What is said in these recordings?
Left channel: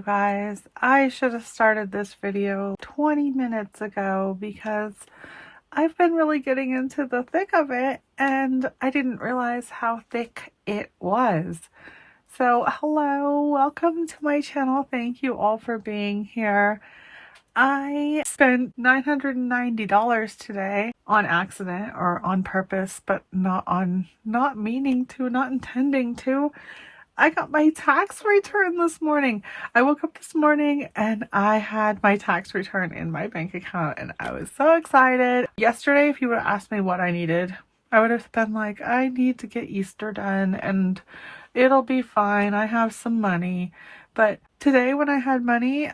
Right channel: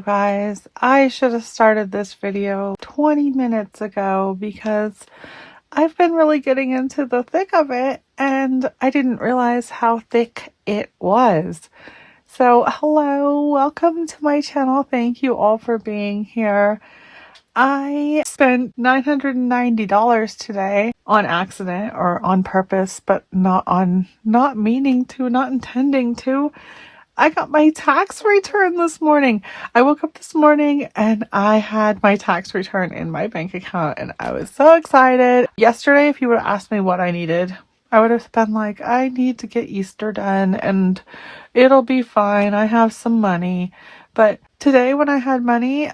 you guys. I should have started this video 20 minutes ago because I've been really getting into the thick of it and I didn't realize how thick it was. So hello, welcome to my channel. Thank you all for being here. I spent $990 today on accident or on purpose, but not meaning to, not intending to. I got my tax return this morning. I woke up this morning and I had my tax return in my bank account and I was so excited. Yesterday, if you would have asked me what I needed, I would have been like, I need to get Easter done and it'll be fine. I have some money. But today when I had money,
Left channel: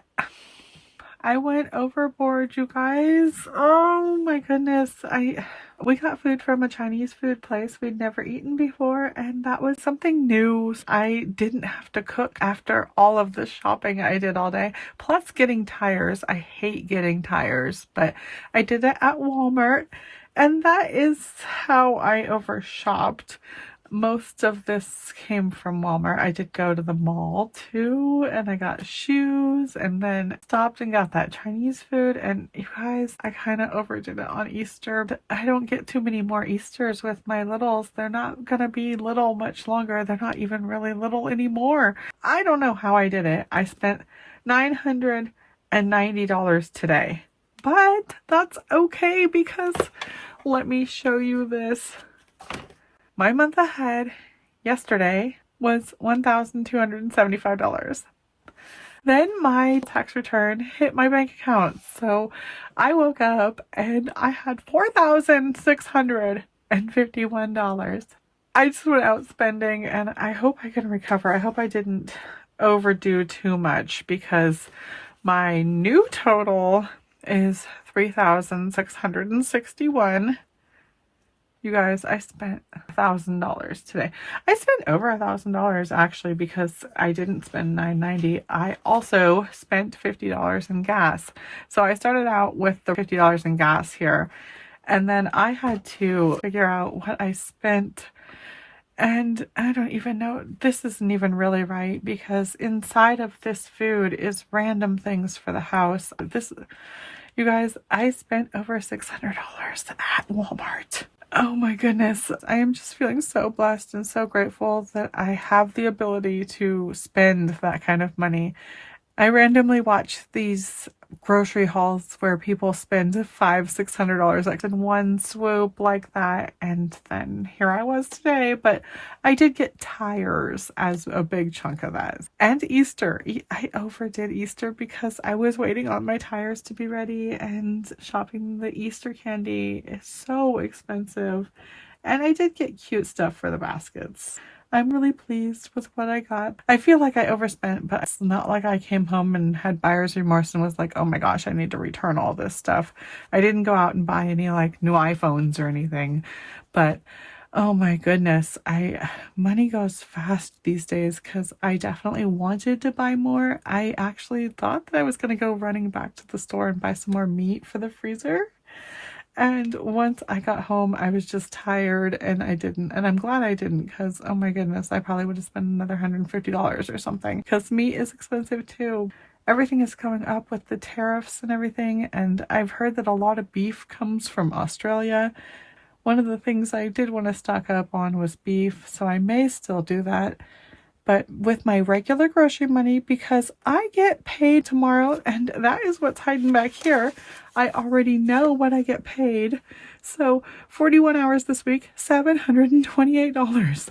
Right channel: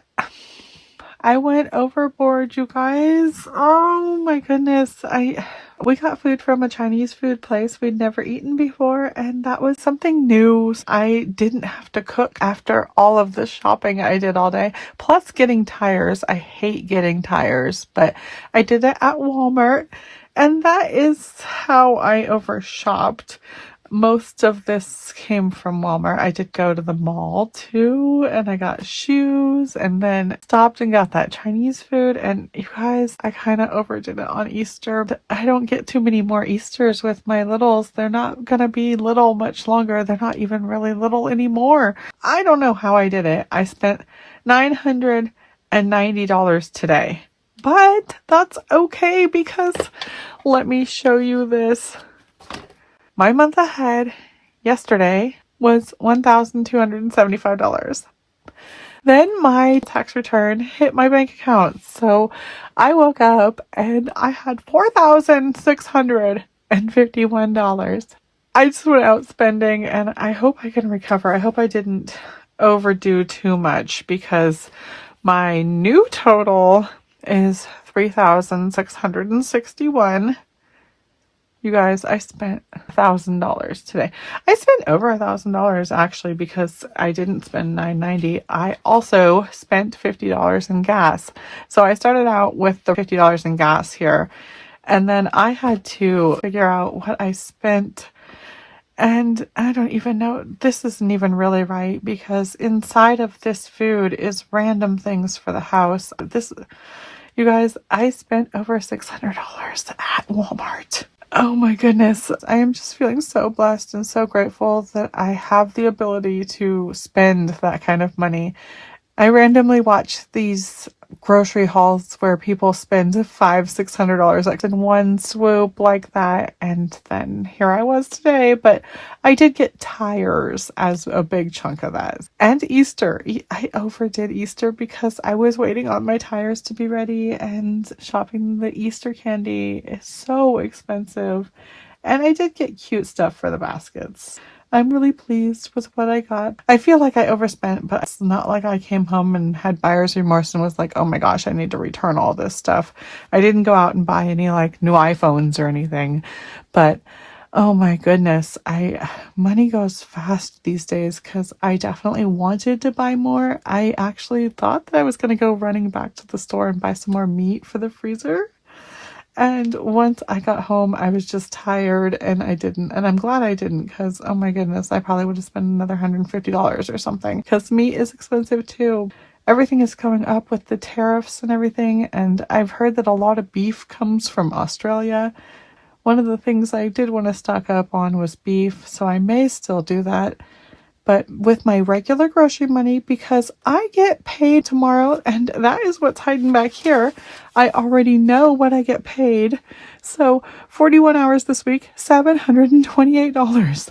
I went overboard, you guys. Oh my goodness. We got food from a Chinese food place we'd never eaten before, and that was something new. I didn't have to cook after all of the shopping I did all day. Plus getting tires. I hate getting tires, but I did it at Walmart, and that is how I overshopped. Most of this came from Walmart. I did go to the mall too, and I got shoes and then stopped and got that Chinese food. And you guys, I kind of overdid it on Easter. I don't get too many more Easters with my littles. They're not gonna be little much longer. They're not even really little anymore. I don't know how I did it. I spent $990 today, but that's okay because let me show you this. My month ahead yesterday was $1,275. Then my tax return hit my bank account. So I woke up and I had $4,651. I just went out spending and I hope I can recover. I hope I didn't overdo too much because my new total is $3,661. You guys, I spent $1,000 today. I spent over $1,000 actually because I didn't spend $990. I also spent $50 in gas. So I started out with the $50 in gas here, and then I had to figure out what I spent. And I don't even know, this isn't even really right because inside of this food is random things for the house. You guys, I spent over $600 at Walmart. Oh my goodness. I am just feeling so blessed and so grateful that I have the ability to spend that kind of money. I randomly watch these grocery hauls where people spend $500-$600 like in one swoop like that, and then here I was today. But I did get tires as a big chunk of that, and Easter. I overdid Easter because I was waiting on my tires to be ready, and shopping the Easter candy is so expensive, and I did get cute stuff for the baskets. I'm really pleased with what I got. I feel like I overspent, but it's not like I came home and had buyer's remorse and was like, oh my gosh, I need to return all this stuff. I didn't go out and buy any like new iPhones or anything, but oh my goodness, money goes fast these days because I definitely wanted to buy more. I actually thought that I was going to go running back to the store and buy some more meat for the freezer. And once I got home, I was just tired and I didn't. And I'm glad I didn't because, oh my goodness, I probably would have spent another $150 or something because meat is expensive too. Everything is going up with the tariffs and everything. And I've heard that a lot of beef comes from Australia. One of the things I did want to stock up on was beef, so I may still do that. But with my regular grocery money, because I get paid tomorrow, and that is what's hiding back here. I already know what I get paid. So 41 hours this week, $728.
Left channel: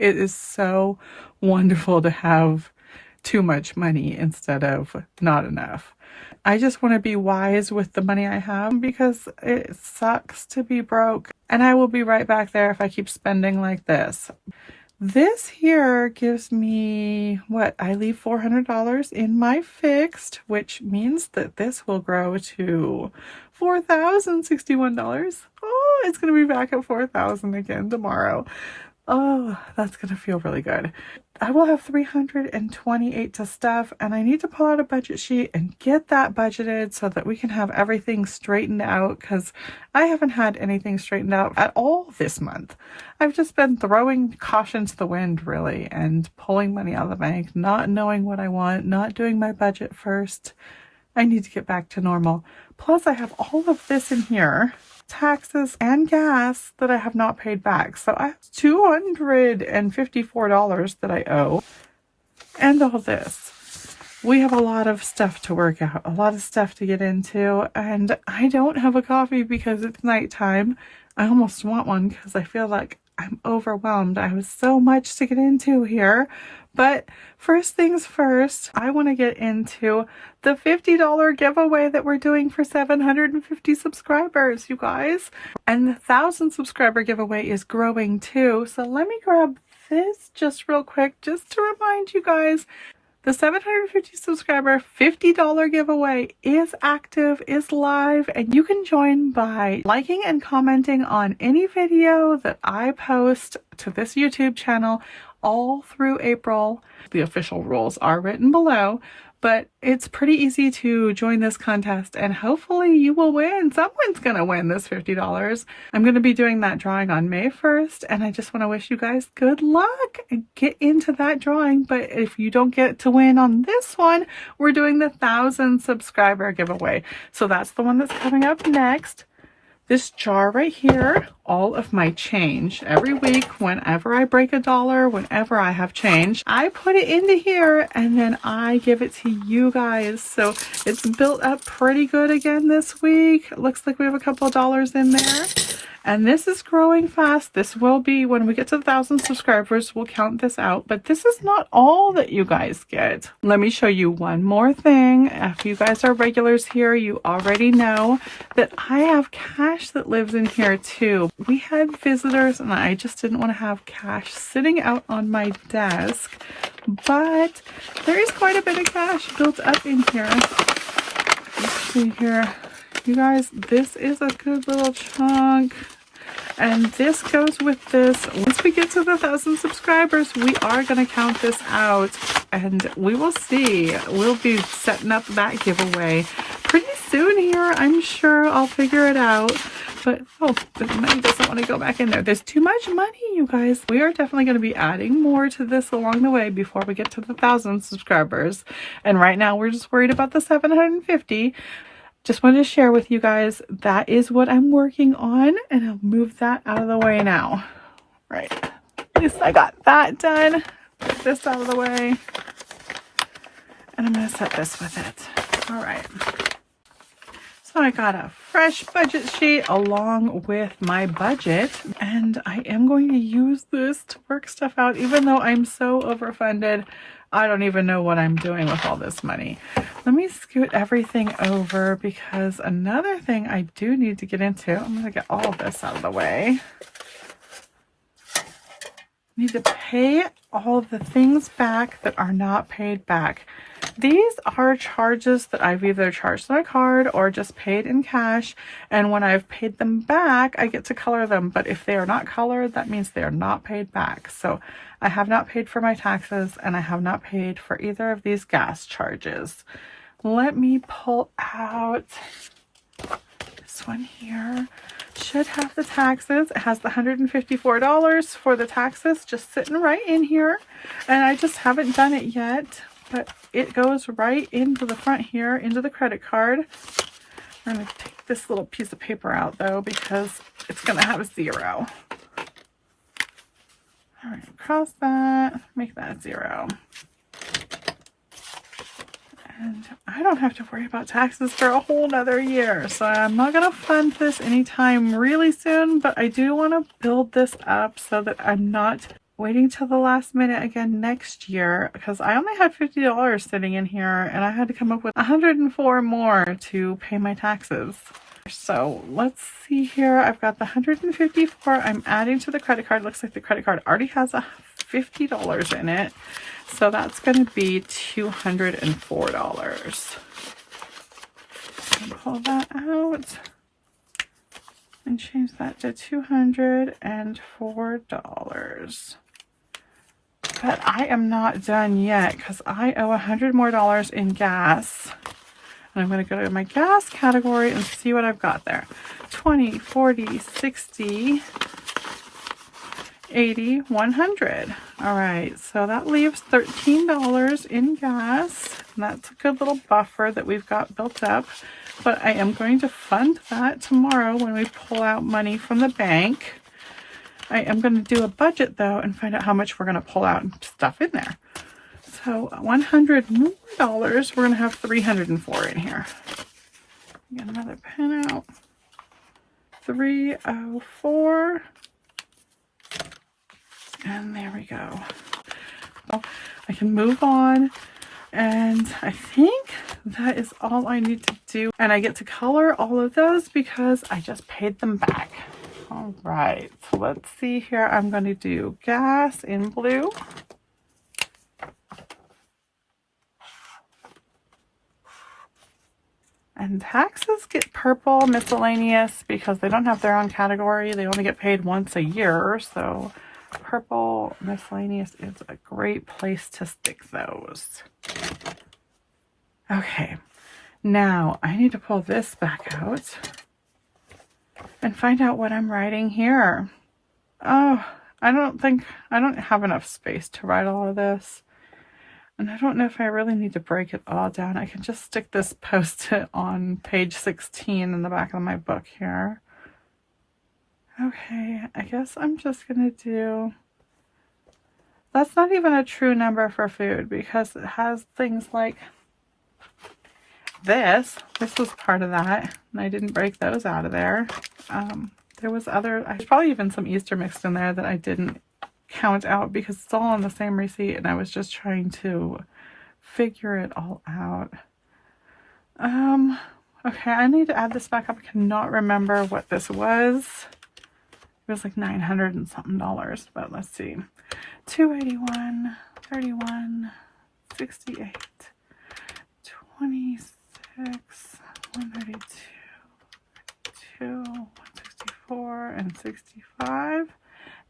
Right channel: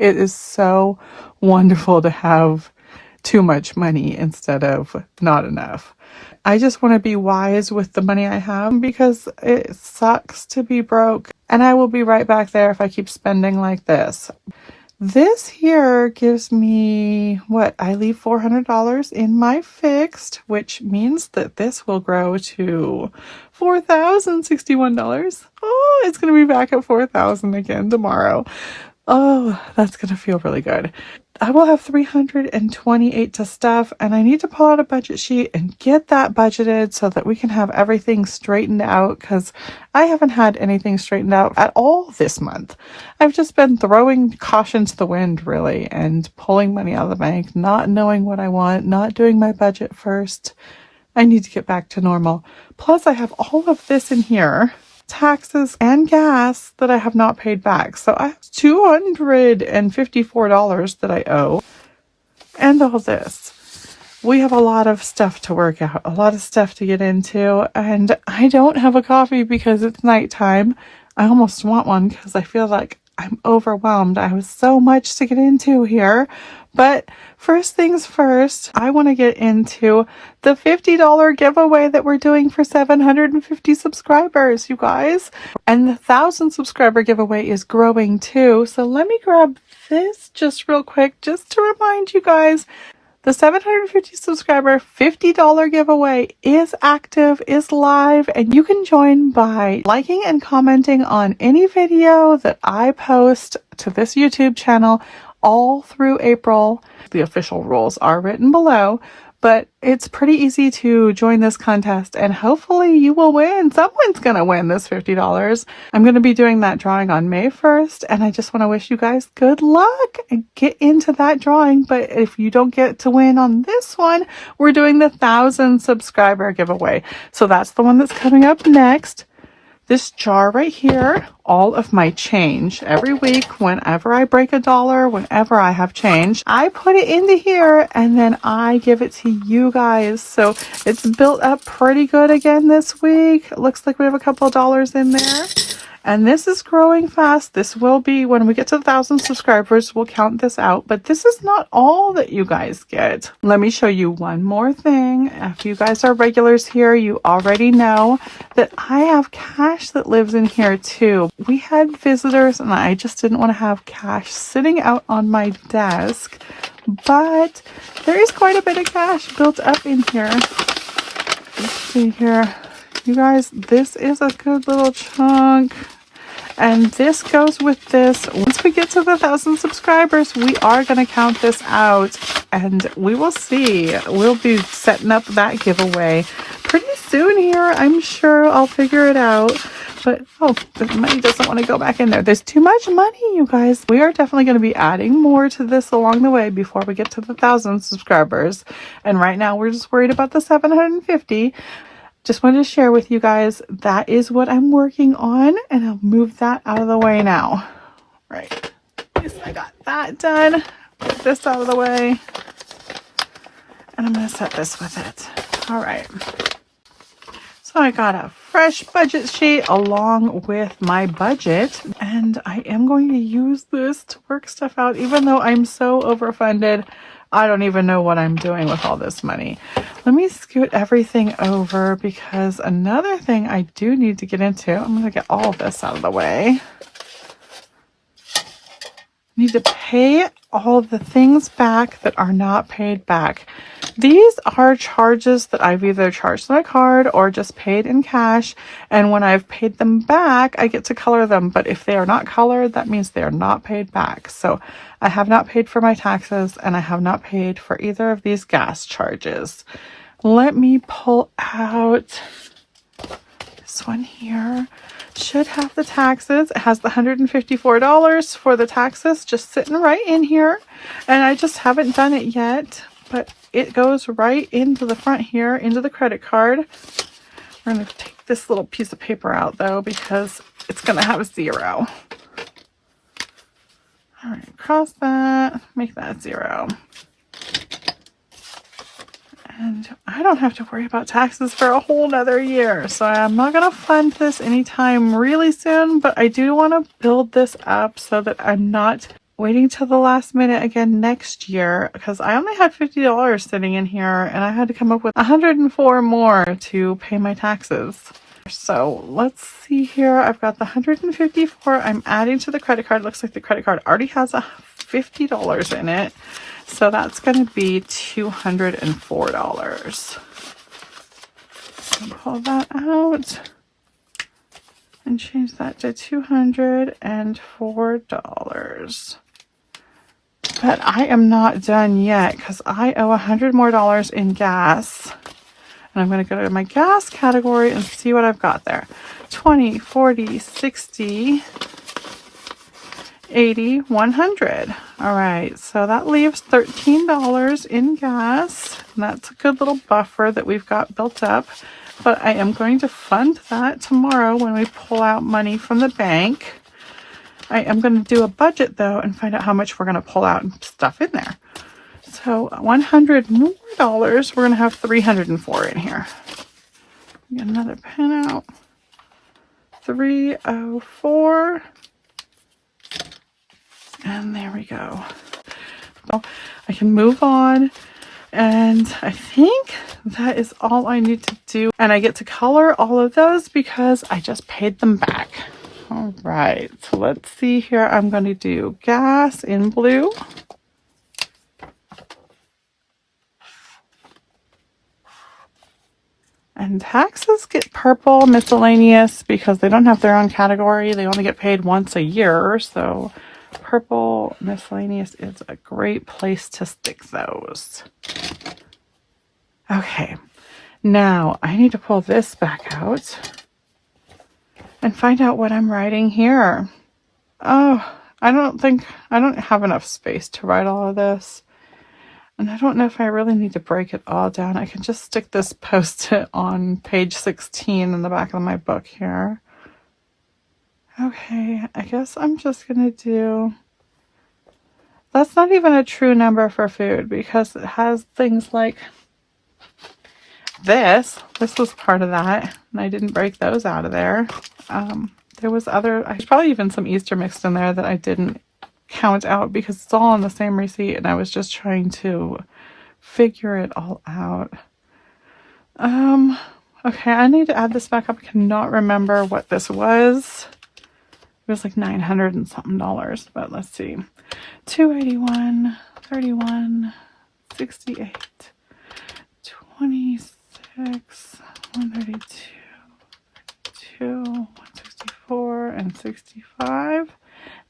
It is so wonderful to have too much money instead of not enough. I just want to be wise with the money I have because it sucks to be broke. And I will be right back there if I keep spending like this. This here gives me, I leave $400 in my fixed, which means that this will grow to $4,061. Oh, it's going to be back at $4,000 again tomorrow. Oh, that's going to feel really good. I will have 328 to stuff, and I need to pull out a budget sheet and get that budgeted so that we can have everything straightened out, because I haven't had anything straightened out at all this month. I've just been throwing caution to the wind, really, and pulling money out of the bank, not knowing what I want, not doing my budget first. I need to get back to normal. Plus, I have all of this in here, taxes and gas, that I have not paid back. So I have $254 that I owe, and all this. We have a lot of stuff to work out, a lot of stuff to get into, and I don't have a coffee because it's nighttime. I almost want one because I feel like I'm overwhelmed. I have so much to get into here. But first things first, I want to get into the $50 giveaway that we're doing for 750 subscribers, you guys. And the 1,000 subscriber giveaway is growing too. So let me grab this just real quick, just to remind you guys. The 750 subscriber $50 giveaway is active, is live, and you can join by liking and commenting on any video that I post to this YouTube channel all through April. The official rules are written below, but it's pretty easy to join this contest, and hopefully you will win. Someone's going to win this $50. I'm going to be doing that drawing on May 1st, and I just want to wish you guys good luck and get into that drawing. But if you don't get to win on this one, we're doing the 1,000 subscriber giveaway. So that's the one that's coming up next. This jar right here, all of my change. Every week, whenever I break $1, whenever I have change, I put it into here and then I give it to you guys. So it's built up pretty good again this week. It looks like we have a couple of dollars in there. And this is growing fast. This will be, when we get to 1,000 subscribers, we'll count this out. But this is not all that you guys get. Let me show you one more thing. If you guys are regulars here, you already know that I have cash that lives in here too. We had visitors and I just didn't want to have cash sitting out on my desk. But there is quite a bit of cash built up in here. Let's see here. You guys, this is a good little chunk. And this goes with this. Once we get to the 1,000 subscribers, we are going to count this out. And we will see. We'll be setting up that giveaway pretty soon here. I'm sure I'll figure it out. But, oh, the money doesn't want to go back in there. There's too much money, you guys. We are definitely going to be adding more to this along the way before we get to the 1,000 subscribers. And right now, we're just worried about the 750. Just wanted to share with you guys, that is what I'm working on, and I'll move that out of the way now. Right. At least I got that done. Put this out of the way. And I'm going to set this with it. All right. So I got a fresh budget sheet along with my budget, and I am going to use this to work stuff out, even though I'm so overfunded. I don't even know what I'm doing with all this money. Let me scoot everything over, because another thing I do need to get into, I'm going to get all of this out of the way. Need to pay all the things back that are not paid back. These are charges that I've either charged on a card or just paid in cash. And when I've paid them back, I get to color them. But if they are not colored, that means they are not paid back. So I have not paid for my taxes, and I have not paid for either of these gas charges. Let me pull out this one here. Should have the taxes. It has the $154 for the taxes just sitting right in here. And I just haven't done it yet, but it goes right into the front here, into the credit card. I'm going to take this little piece of paper out though, because it's going to have 0. All right, cross that, make that 0. And I don't have to worry about taxes for a whole nother year. So I'm not going to fund this anytime really soon, but I do want to build this up so that I'm not waiting till the last minute again next year, because I only had $50 sitting in here and I had to come up with 104 more to pay my taxes. So let's see here. I've got the 154 I'm adding to the credit card. Looks like the credit card already has a $50 in it. So that's going to be $204. Pull that out and change that to $204. But I am not done yet because I owe $100 more in gas. And I'm going to go to my gas category and see what I've got there. 20, 40, 60, 80, 100. All right, so that leaves $13 in gas. And that's a good little buffer that we've got built up. But I am going to fund that tomorrow when we pull out money from the bank. I am going to do a budget though and find out how much we're going to pull out and stuff in there. So $100 more, we're going to have 304 in here. Get another pen out. 304. And there we go. So I can move on. And I think that is all I need to do. And I get to color all of those because I just paid them back. All right, so let's see here. I'm going to do gas in blue. And taxes get purple, miscellaneous, because they don't have their own category. They only get paid once a year. So purple miscellaneous is a great place to stick those. Okay, now I need to pull this back out and find out what I'm writing here. Oh, I don't have enough space to write all of this. And I don't know if I really need to break it all down. I can just stick this post-it on page 16 in the back of my book here. Okay, I guess I'm just going to do... That's not even a true number for food because it has things like this. This was part of that, and I didn't break those out of there. There was there's probably even some Easter mixed in there that I didn't count out because it's all on the same receipt and I was just trying to figure it all out. Okay, I need to add this back up. I cannot remember what this was. It was like $900 and something, but let's see. 281, 31, 68, 26, 132, 164, and 65.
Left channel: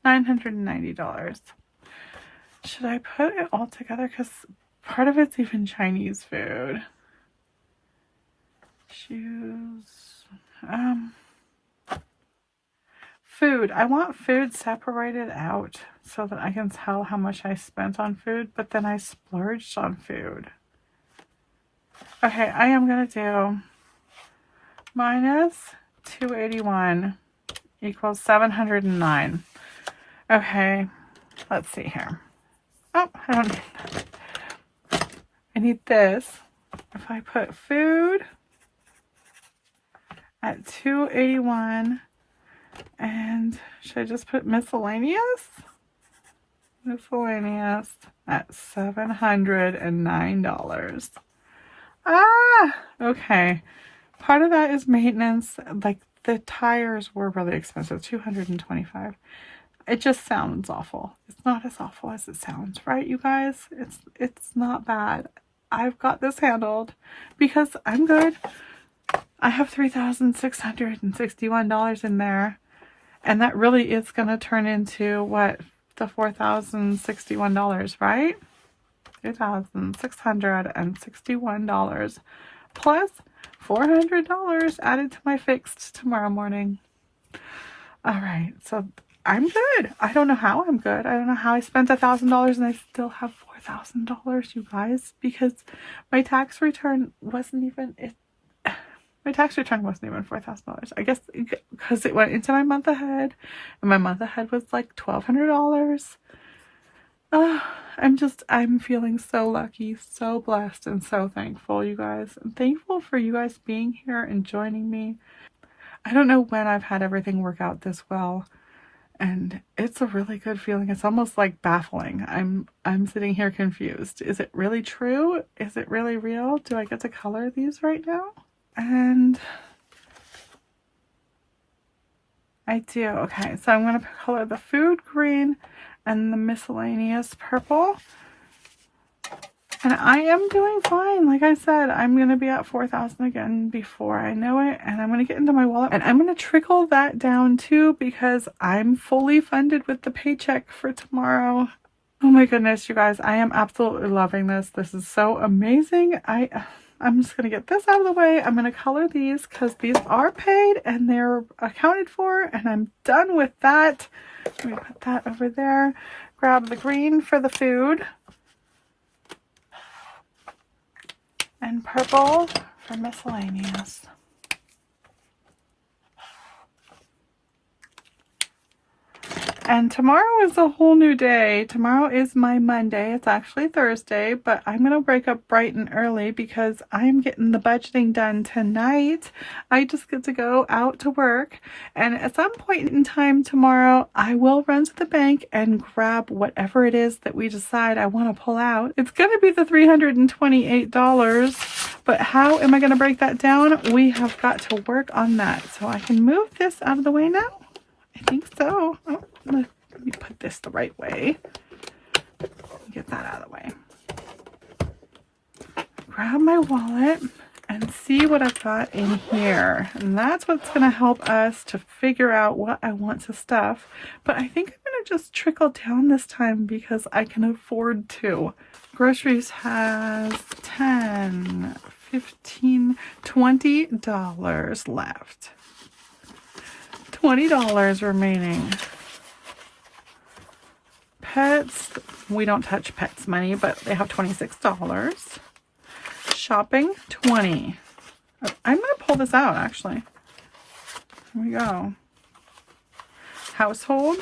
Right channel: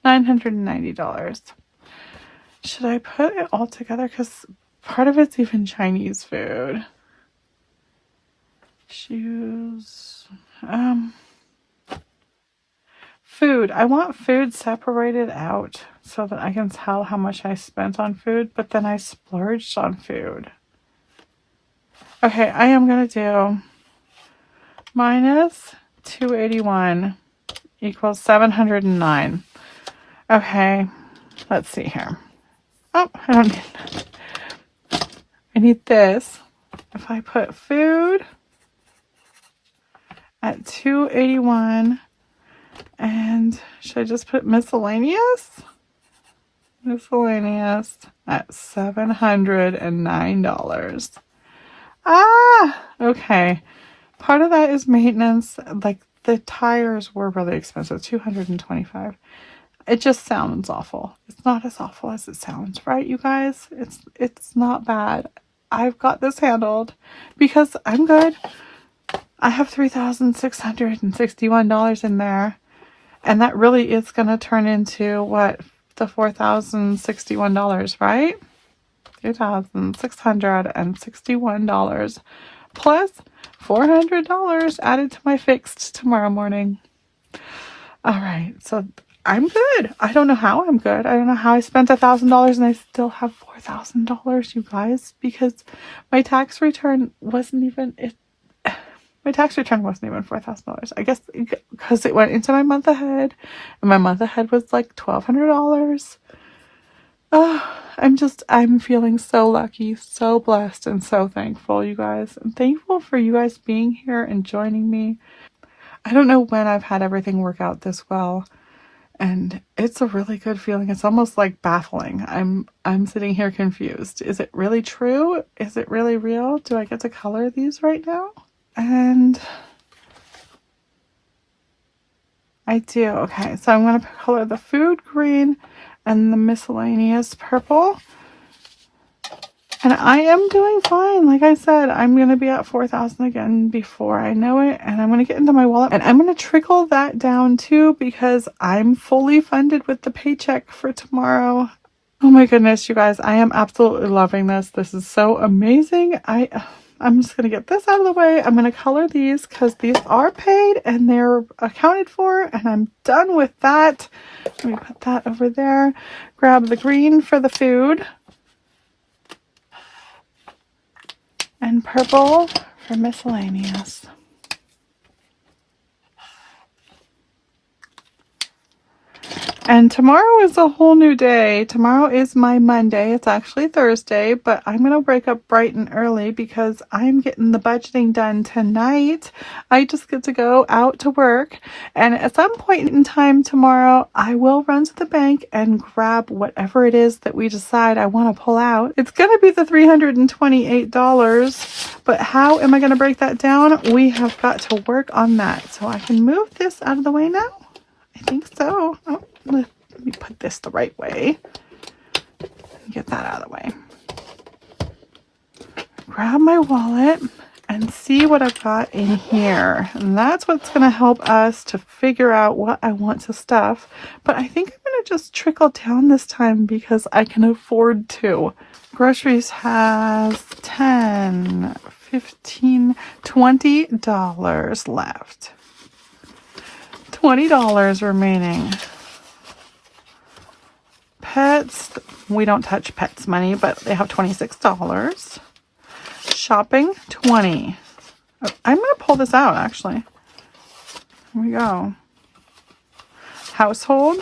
$990. Should I put it all together? Because part of it's even Chinese food. Shoes. Food. I want food separated out so that I can tell how much I spent on food, but then I splurged on food. Okay, I am going to do minus 281 equals 709. Okay, let's see here. Oh, I need this. If I put food at 281, and should I just put miscellaneous? Miscellaneous at $709. Ah, okay. Part of that is maintenance. Like the tires were really expensive, $225. It just sounds awful. It's not as awful as it sounds, right, you guys? It's not bad. I've got this handled because I'm good. I have $3,661 in there. And that really is going to turn into what? The $4,061, right? $2,661 plus $400 added to my fixed tomorrow morning. All right, so I'm good. I don't know how I'm good. I don't know how I spent $1,000 and I still have $4,000, you guys, because my tax return wasn't even $4,000. I guess because it went into my month ahead, and my month ahead was like $1,200. Oh, I'm feeling so lucky, so blessed, and so thankful, you guys. I'm thankful for you guys being here and joining me. I don't know when I've had everything work out this well, and it's a really good feeling. It's almost like baffling. I'm sitting here confused. Is it really true? Is it really real? Do I get to color these right now? And I do. Okay, so I'm going to color the food green and the miscellaneous purple. And I am doing fine. Like I said, I'm going to be at 4,000 again before I know it. And I'm going to get into my wallet. And I'm going to trickle that down too because I'm fully funded with the paycheck for tomorrow. Oh my goodness, you guys, I am absolutely loving this. This is so amazing. I'm just going to get this out of the way. I'm going to color these because these are paid and they're accounted for, and I'm done with that. Let me put that over there. Grab the green for the food and purple for miscellaneous. And tomorrow is a whole new day. Tomorrow is my Monday. It's actually Thursday, but I'm going to break up bright and early because I'm getting the budgeting done tonight. I just get to go out to work. And at some point in time tomorrow, I will run to the bank and grab whatever it is that we decide I want to pull out. It's going to be the $328, but how am I going to break that down? We have got to work on that. So I can move this out of the way now. I think so. Oh, let me put this the right way. Get that out of the way. Grab my wallet and see what I've got in here. And that's what's going to help us to figure out what I want to stuff. But I think I'm going to just trickle down this time because I can afford to. Groceries has $10, $15, $20 left. $20 remaining. Pets, we don't touch pets money, but they have $26. Shopping, $20. I'm going to pull this out, actually. Here we go. Household,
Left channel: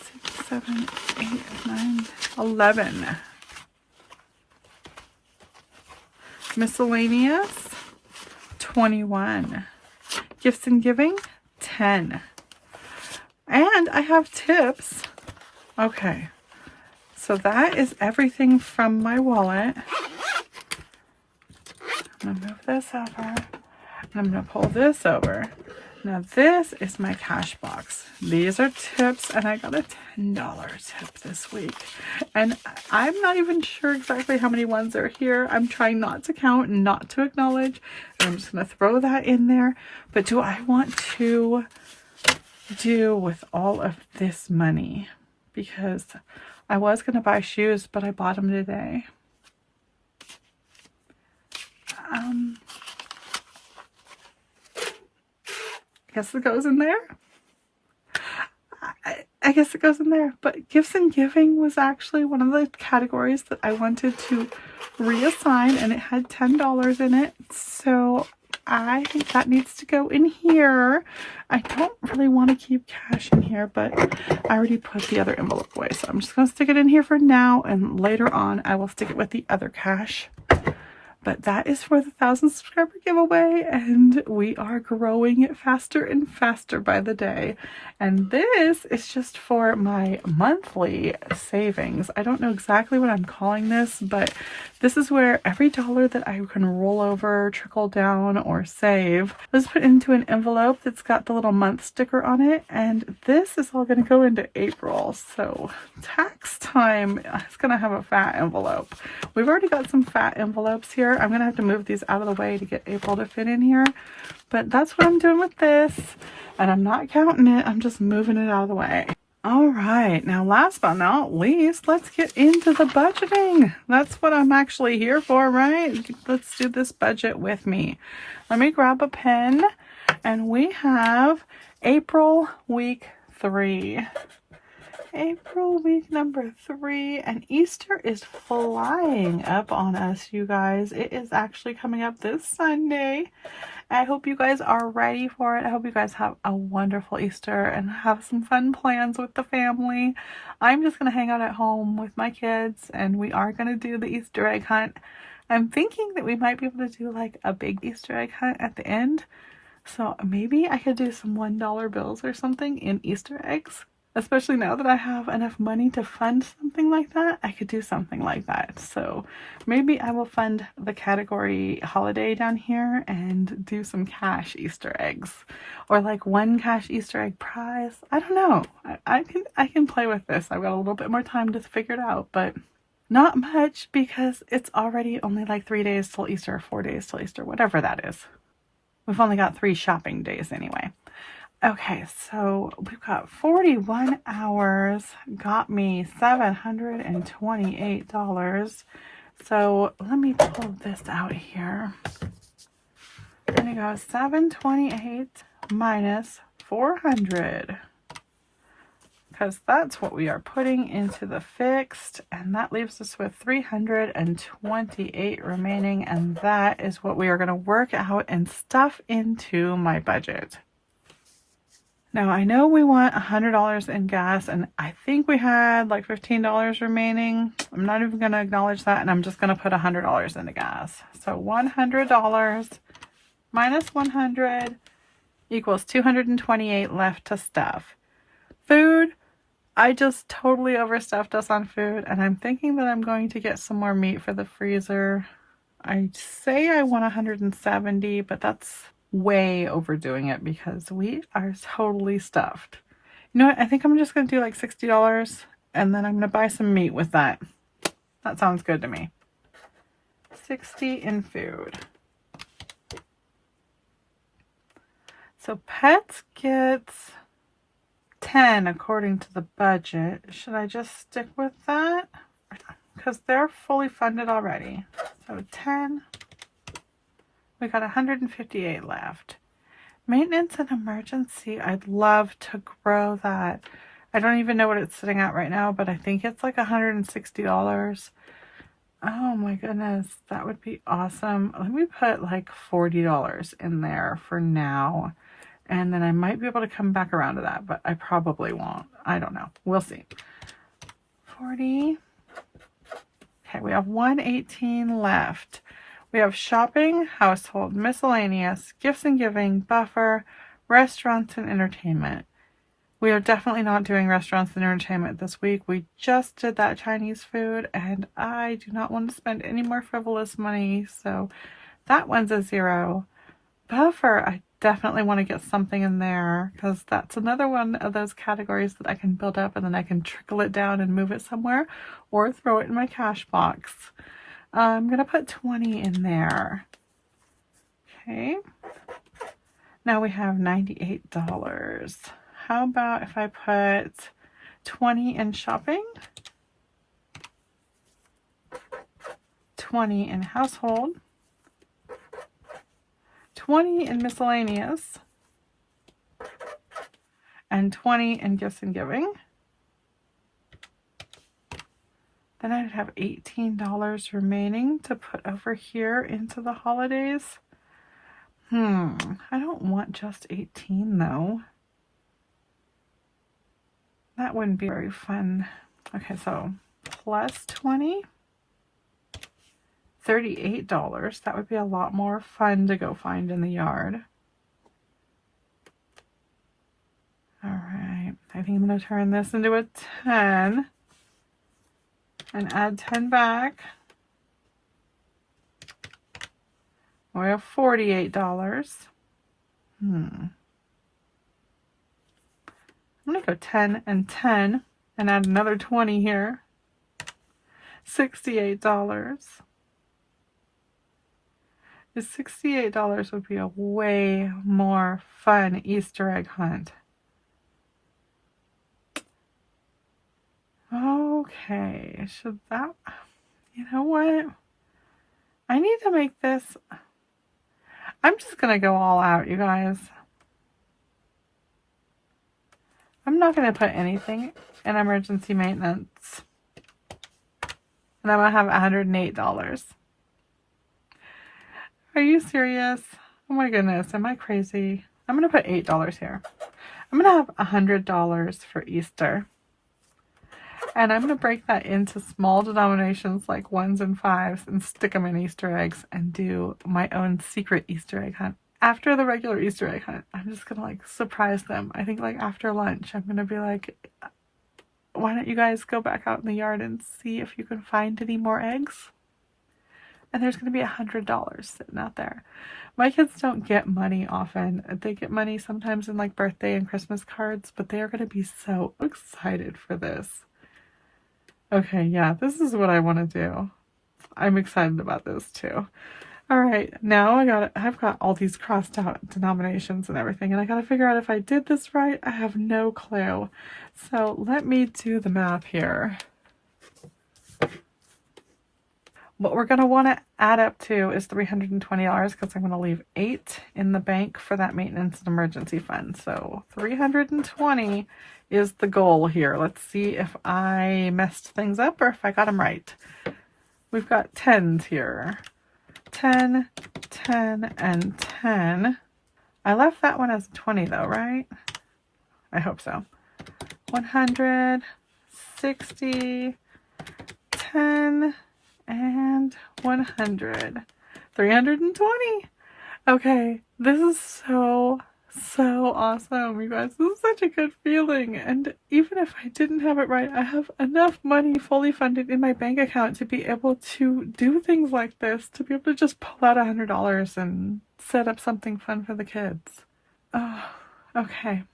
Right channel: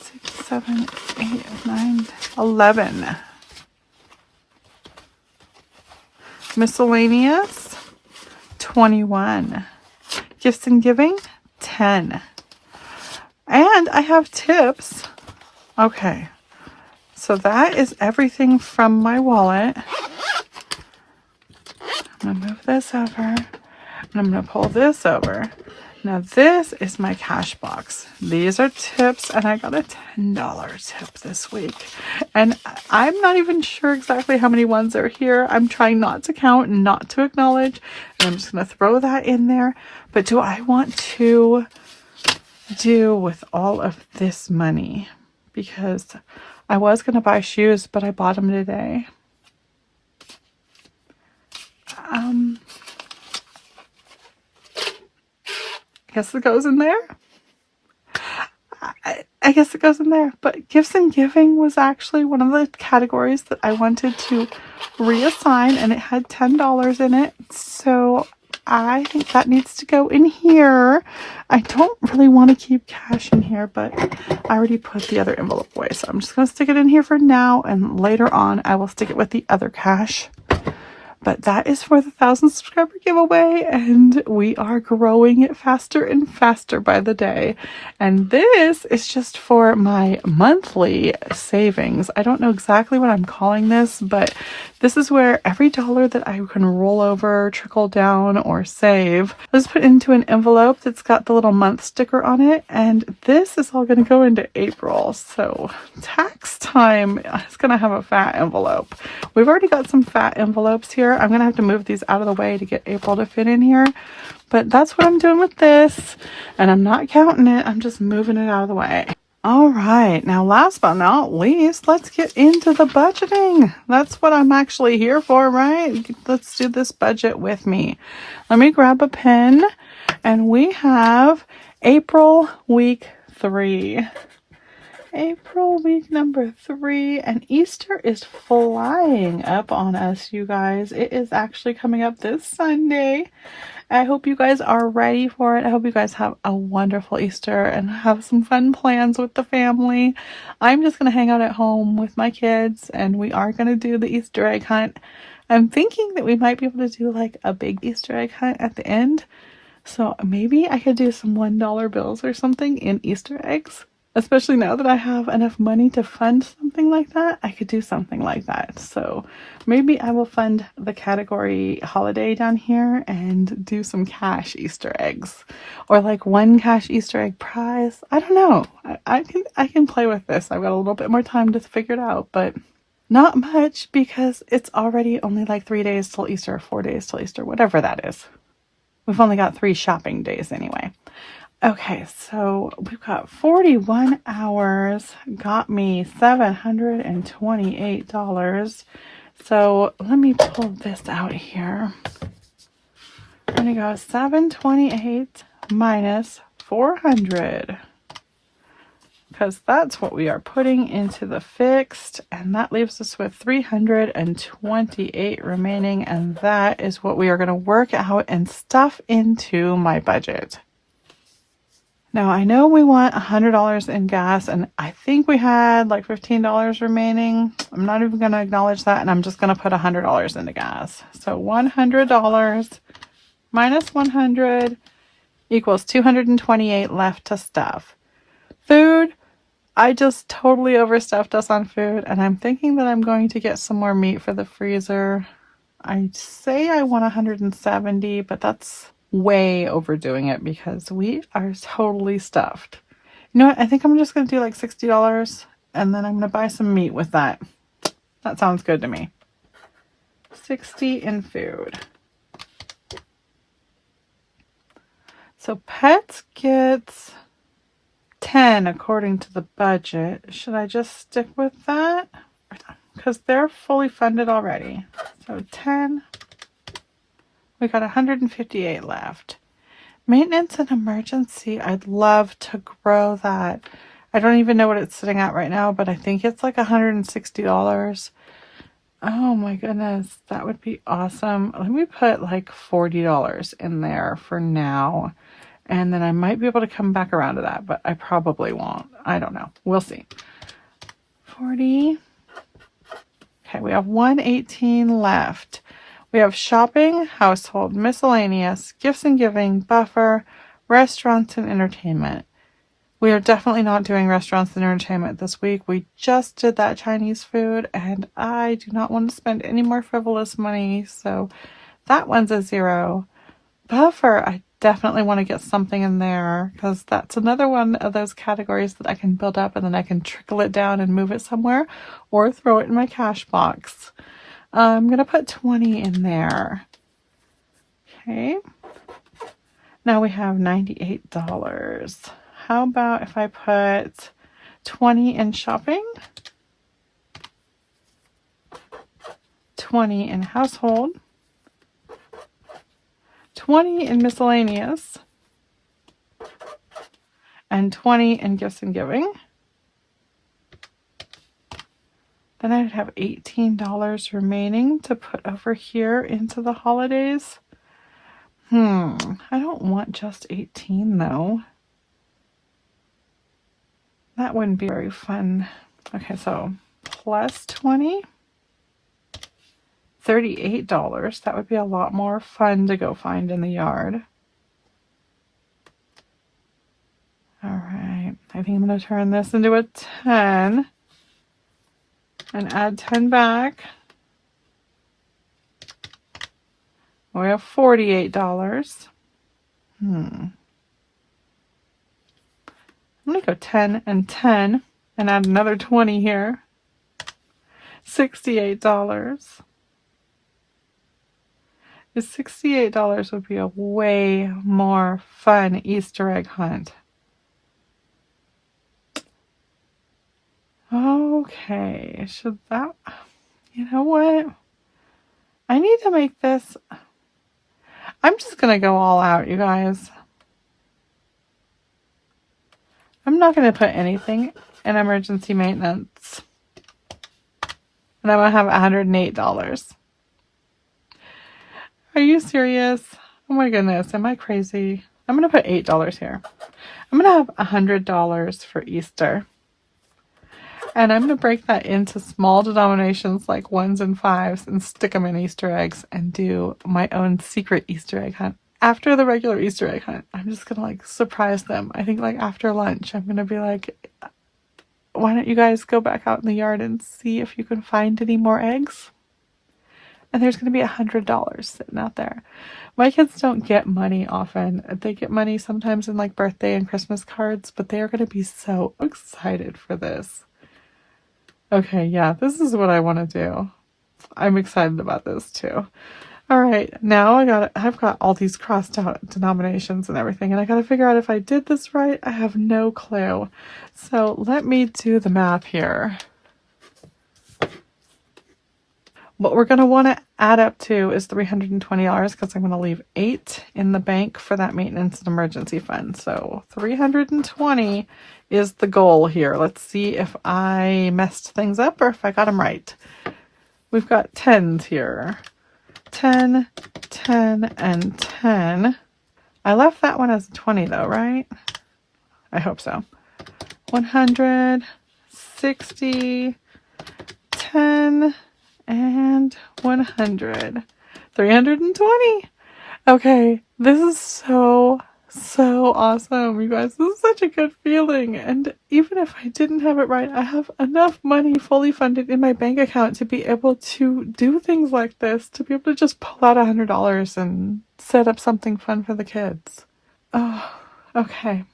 6, 7, 8, 9, 11. Miscellaneous, 21. Gifts and giving, 10. And I have tips. Okay. So that is everything from my wallet. I'm going to move this over. And I'm going to pull this over. Now this is my cash box. These are tips, and I got a $10 tip this week. And I'm not even sure exactly how many ones are here. I'm trying not to count, not to acknowledge. And I'm just going to throw that in there. But do I want to do with all of this money? Because I was going to buy shoes, but I bought them today. I guess it goes in there. I guess it goes in there. But gifts and giving was actually one of the categories that I wanted to reassign, and it had $10 in it. So I think that needs to go in here. I don't really want to keep cash in here, but I already put the other envelope away. So I'm just going to stick it in here for now, and later on I will stick it with the other cash. But that is for the 1,000 subscriber giveaway, and we are growing it faster and faster by the day. And this is just for my monthly savings. I don't know exactly what I'm calling this, but this is where every dollar that I can roll over, trickle down, or save is put into an envelope that's got the little month sticker on it. And this is all going to go into April. So tax time is going to have a fat envelope. We've already got some fat envelopes here. I'm going to have to move these out of the way to get April to fit in here. But that's what I'm doing with this. And I'm not counting it. I'm just moving it out of the way. All right. Now, last but not least, let's get into the budgeting. That's what I'm actually here for, right? Let's do this budget with me. Let me grab a pen. And we have April week 3. April week number 3, and Easter is flying up on us, you guys. It is actually coming up this Sunday. I hope you guys are ready for it. I hope you guys have a wonderful Easter and have some fun plans with the family. I'm just going to hang out at home with my kids, and we are going to do the Easter egg hunt. I'm thinking that we might be able to do like a big Easter egg hunt at the end. So maybe I could do some $1 bills or something in Easter eggs. Especially now that I have enough money to fund something like that, I could do something like that. So maybe I will fund the category holiday down here and do some cash Easter eggs. Or like one cash Easter egg prize. I don't know. I can play with this. I've got a little bit more time to figure it out, but not much because it's already only like 3 days till Easter, 4 days till Easter, whatever that is. We've only got 3 shopping days anyway. Okay, so we've got 41 hours, got me $728. So let me pull this out here. I'm gonna go 728 minus 400, because that's what we are putting into the fixed, and that leaves us with 328 remaining, and that is what we are going to work out and stuff into my budget. Now I know we want $100 in gas, and I think we had like $15 remaining. I'm not even going to acknowledge that, and I'm just going to put $100 into gas. So $100 minus 100 equals 228 left to stuff. Food, I just totally overstuffed us on food, and I'm thinking that I'm going to get some more meat for the freezer. I say I want 170, but that's way overdoing it because we are totally stuffed. You know what? I think I'm just going to do like $60, and then I'm going to buy some meat with that. That sounds good to me. 60 in food. So pets gets 10 according to the budget. Should I just stick with that? Because they're fully funded already. So 10. We got 158 left. Maintenance and emergency, I'd love to grow that. I don't even know what it's sitting at right now, but I think it's like $160. Oh my goodness, that would be awesome. Let me put like $40 in there for now. And then I might be able to come back around to that, but I probably won't. I don't know. We'll see. 40. Okay, we have 118 left. We have shopping, household, miscellaneous, gifts and giving, buffer, restaurants, and entertainment. We are definitely not doing restaurants and entertainment this week. We just did that Chinese food, and I do not want to spend any more frivolous money, so that one's a 0. Buffer, I definitely want to get something in there because that's another one of those categories that I can build up and then I can trickle it down and move it somewhere or throw it in my cash box. I'm going to put 20 in there. Okay. Now we have $98. How about if I put 20 in shopping, 20 in household, 20 in miscellaneous, and 20 in gifts and giving. Then I'd have $18 remaining to put over here into the holidays. I don't want just 18 though. That wouldn't be very fun. Okay, so plus 20. $38. That would be a lot more fun to go find in the yard. All right. I think I'm going to turn this into a 10 and add 10 back. We have $48. I'm going to go 10 and 10 and add another 20 here. $68. $68 would be a way more fun Easter egg hunt. Okay, should that, you know what? I need to make this, I'm just going to go all out, you guys. I'm not going to put anything in emergency maintenance. And I'm going to have $108. Are you serious? Oh my goodness, am I crazy? I'm going to put $8 here. I'm going to have $100 for Easter. And I'm going to break that into small denominations like 1s and 5s and stick them in Easter eggs and do my own secret Easter egg hunt. After the regular Easter egg hunt, I'm just going to like surprise them. I think like after lunch, I'm going to be like, why don't you guys go back out in the yard and see if you can find any more eggs? And there's going to be $100 sitting out there. My kids don't get money often. They get money sometimes in like birthday and Christmas cards, but they're going to be so excited for this. Okay, yeah, this is what I want to do. I'm excited about this too. All right, now I've got all these crossed out denominations and everything, and I gotta figure out if I did this right. I have no clue. So let me do the math here. What we're gonna want to add up to is $320 because I'm gonna leave $8 in the bank for that maintenance and emergency fund. So 320 is the goal here. Let's see if I messed things up or if I got them right. We've got 10s here. 10, 10, and 10. I left that one as a 20 though, right? I hope so. 100, 60, 10, and 100. 320. Okay, this is so awesome, you guys. This is such a good feeling. And even if I didn't have it right, I have enough money fully funded in my bank account to be able to do things like this, to be able to just pull out $100 and set up something fun for the kids. Oh, okay.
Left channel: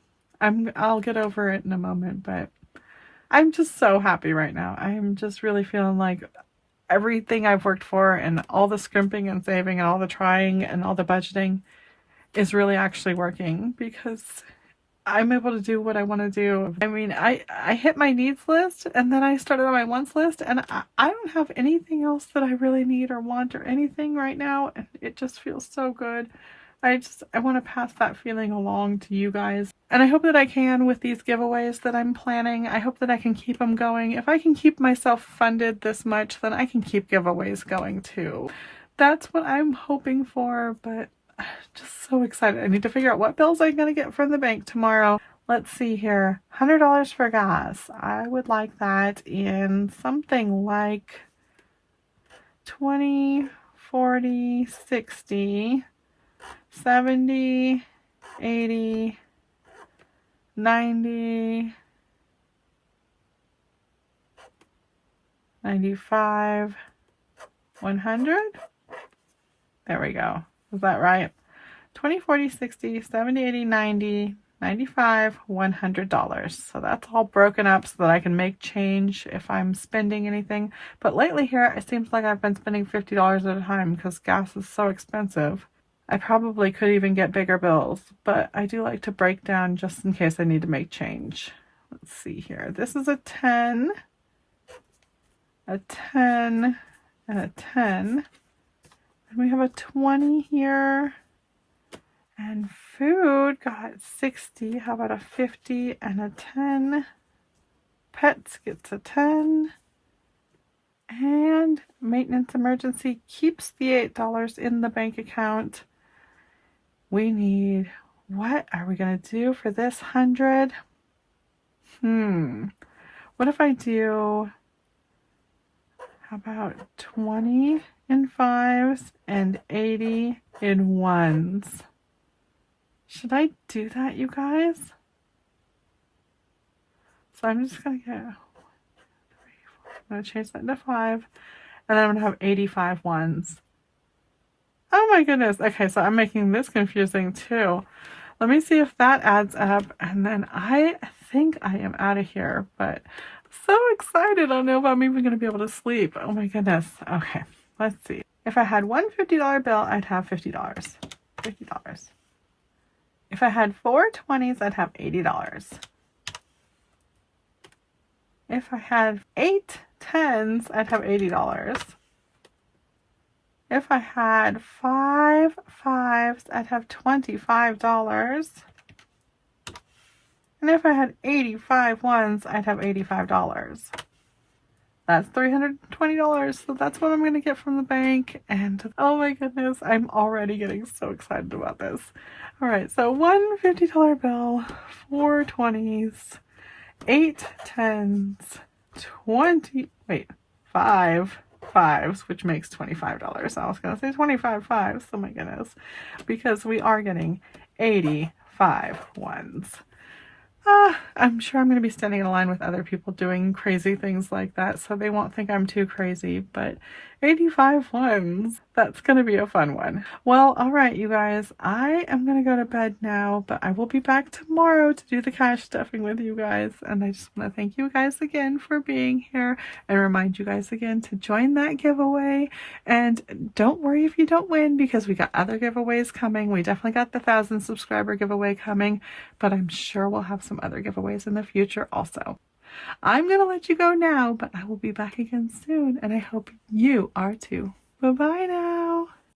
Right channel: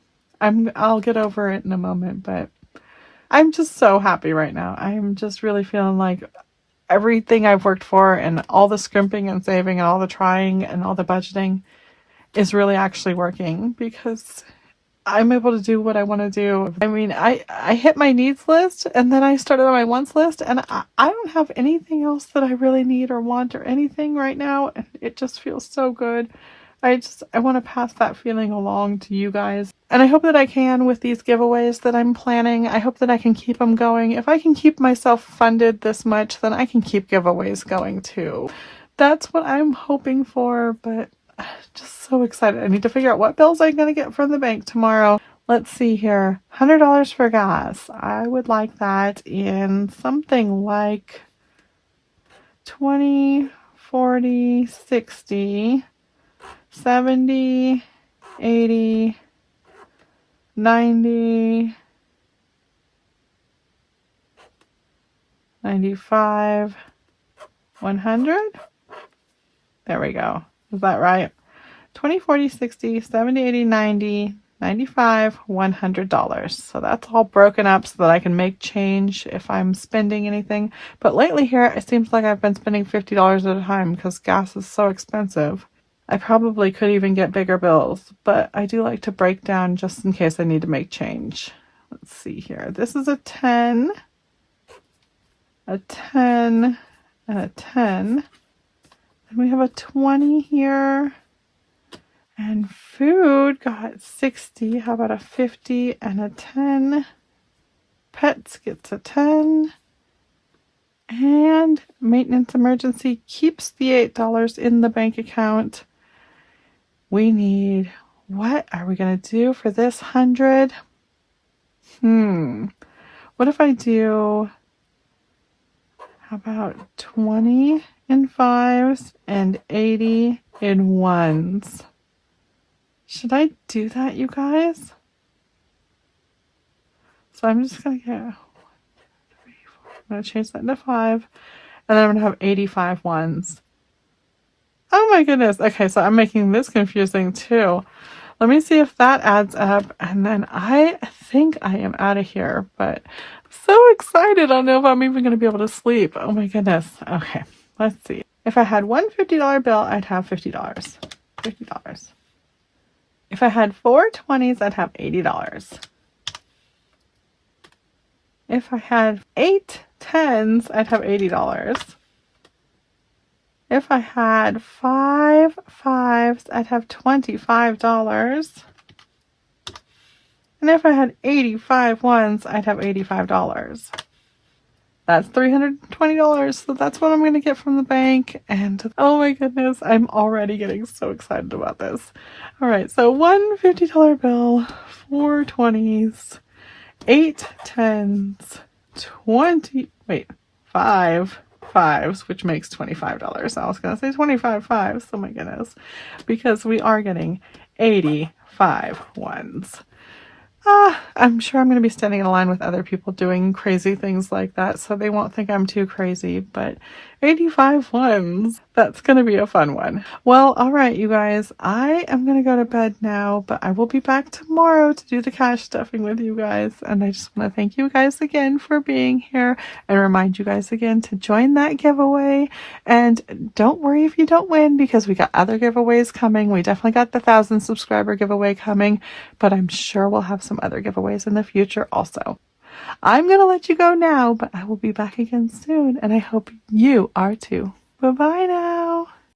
I'll get over it in a moment, but I'm just so happy right now. I'm just really feeling like everything I've worked for and all the scrimping and saving and all the trying and all the budgeting is really actually working, because I'm able to do what I want to do. I mean, I hit my needs list and then I started on my wants list, and I don't have anything else that I really need or want or anything right now. And it just feels so good. I want to pass that feeling along to you guys. And I hope that I can with these giveaways that I'm planning. I hope that I can keep them going. If I can keep myself funded this much, then I can keep giveaways going too. That's what I'm hoping for, but just so excited. I need to figure out what bills I'm going to get from the bank tomorrow. Let's see here. $100 for gas. I would like that in something like 20, 40, 60, 70, 80, 90, 95, 100. There we go. Is that right? 20, 40, 60, 70, 80, 90, 95, $100. So that's all broken up so that I can make change if I'm spending anything. But lately here, it seems like I've been spending $50 at a time because gas is so expensive. I probably could even get bigger bills, but I do like to break down just in case I need to make change. Let's see here. This is a 10, a 10, and a 10. And we have a 20 here. And food got 60. How about a 50 and a 10? Pets gets a 10. And maintenance emergency keeps the $8 in the bank account. We need, what are we going to do for this 100? What if I do, how about 20 in 5s and 80 in 1s? Should I do that, you guys? So I'm just going to get, I'm going to change that to 5, and then I'm going to have 85 1s. Oh my goodness. Okay, so I'm making this confusing too. Let me see if that adds up, and then I think I am out of here, but I'm so excited. I don't know if I'm even going to be able to sleep. Oh my goodness. Okay, let's see. If I had one $50 bill, I'd have $50. $50. If I had 4 20s, I'd have $80. If I had 8 10s, I'd have $80. If I had 5 5s, I'd have $25. And if I had 85 1s, I'd have $85. That's $320. So that's what I'm going to get from the bank. And oh my goodness, I'm already getting so excited about this. All right, so one $50 bill, 4 20s, 8 10s, 5 5s, which makes $25. I was going to say 25 5s. Oh my goodness. Because we are getting 85 1s. I'm sure I'm going to be standing in a line with other people doing crazy things like that, so they won't think I'm too crazy. But 85 ones. That's going to be a fun one. Well, all right, you guys, I am going to go to bed now, but I will be back tomorrow to do the cash stuffing with you guys. And I just want to thank you guys again for being here and remind you guys again to join that giveaway. And don't worry if you don't win, because we got other giveaways coming. We definitely got the 1,000 subscriber giveaway coming, but I'm sure we'll have some other giveaways in the future also. I'm going to let you go now, but I will be back again soon, and I hope you are too. Bye-bye now.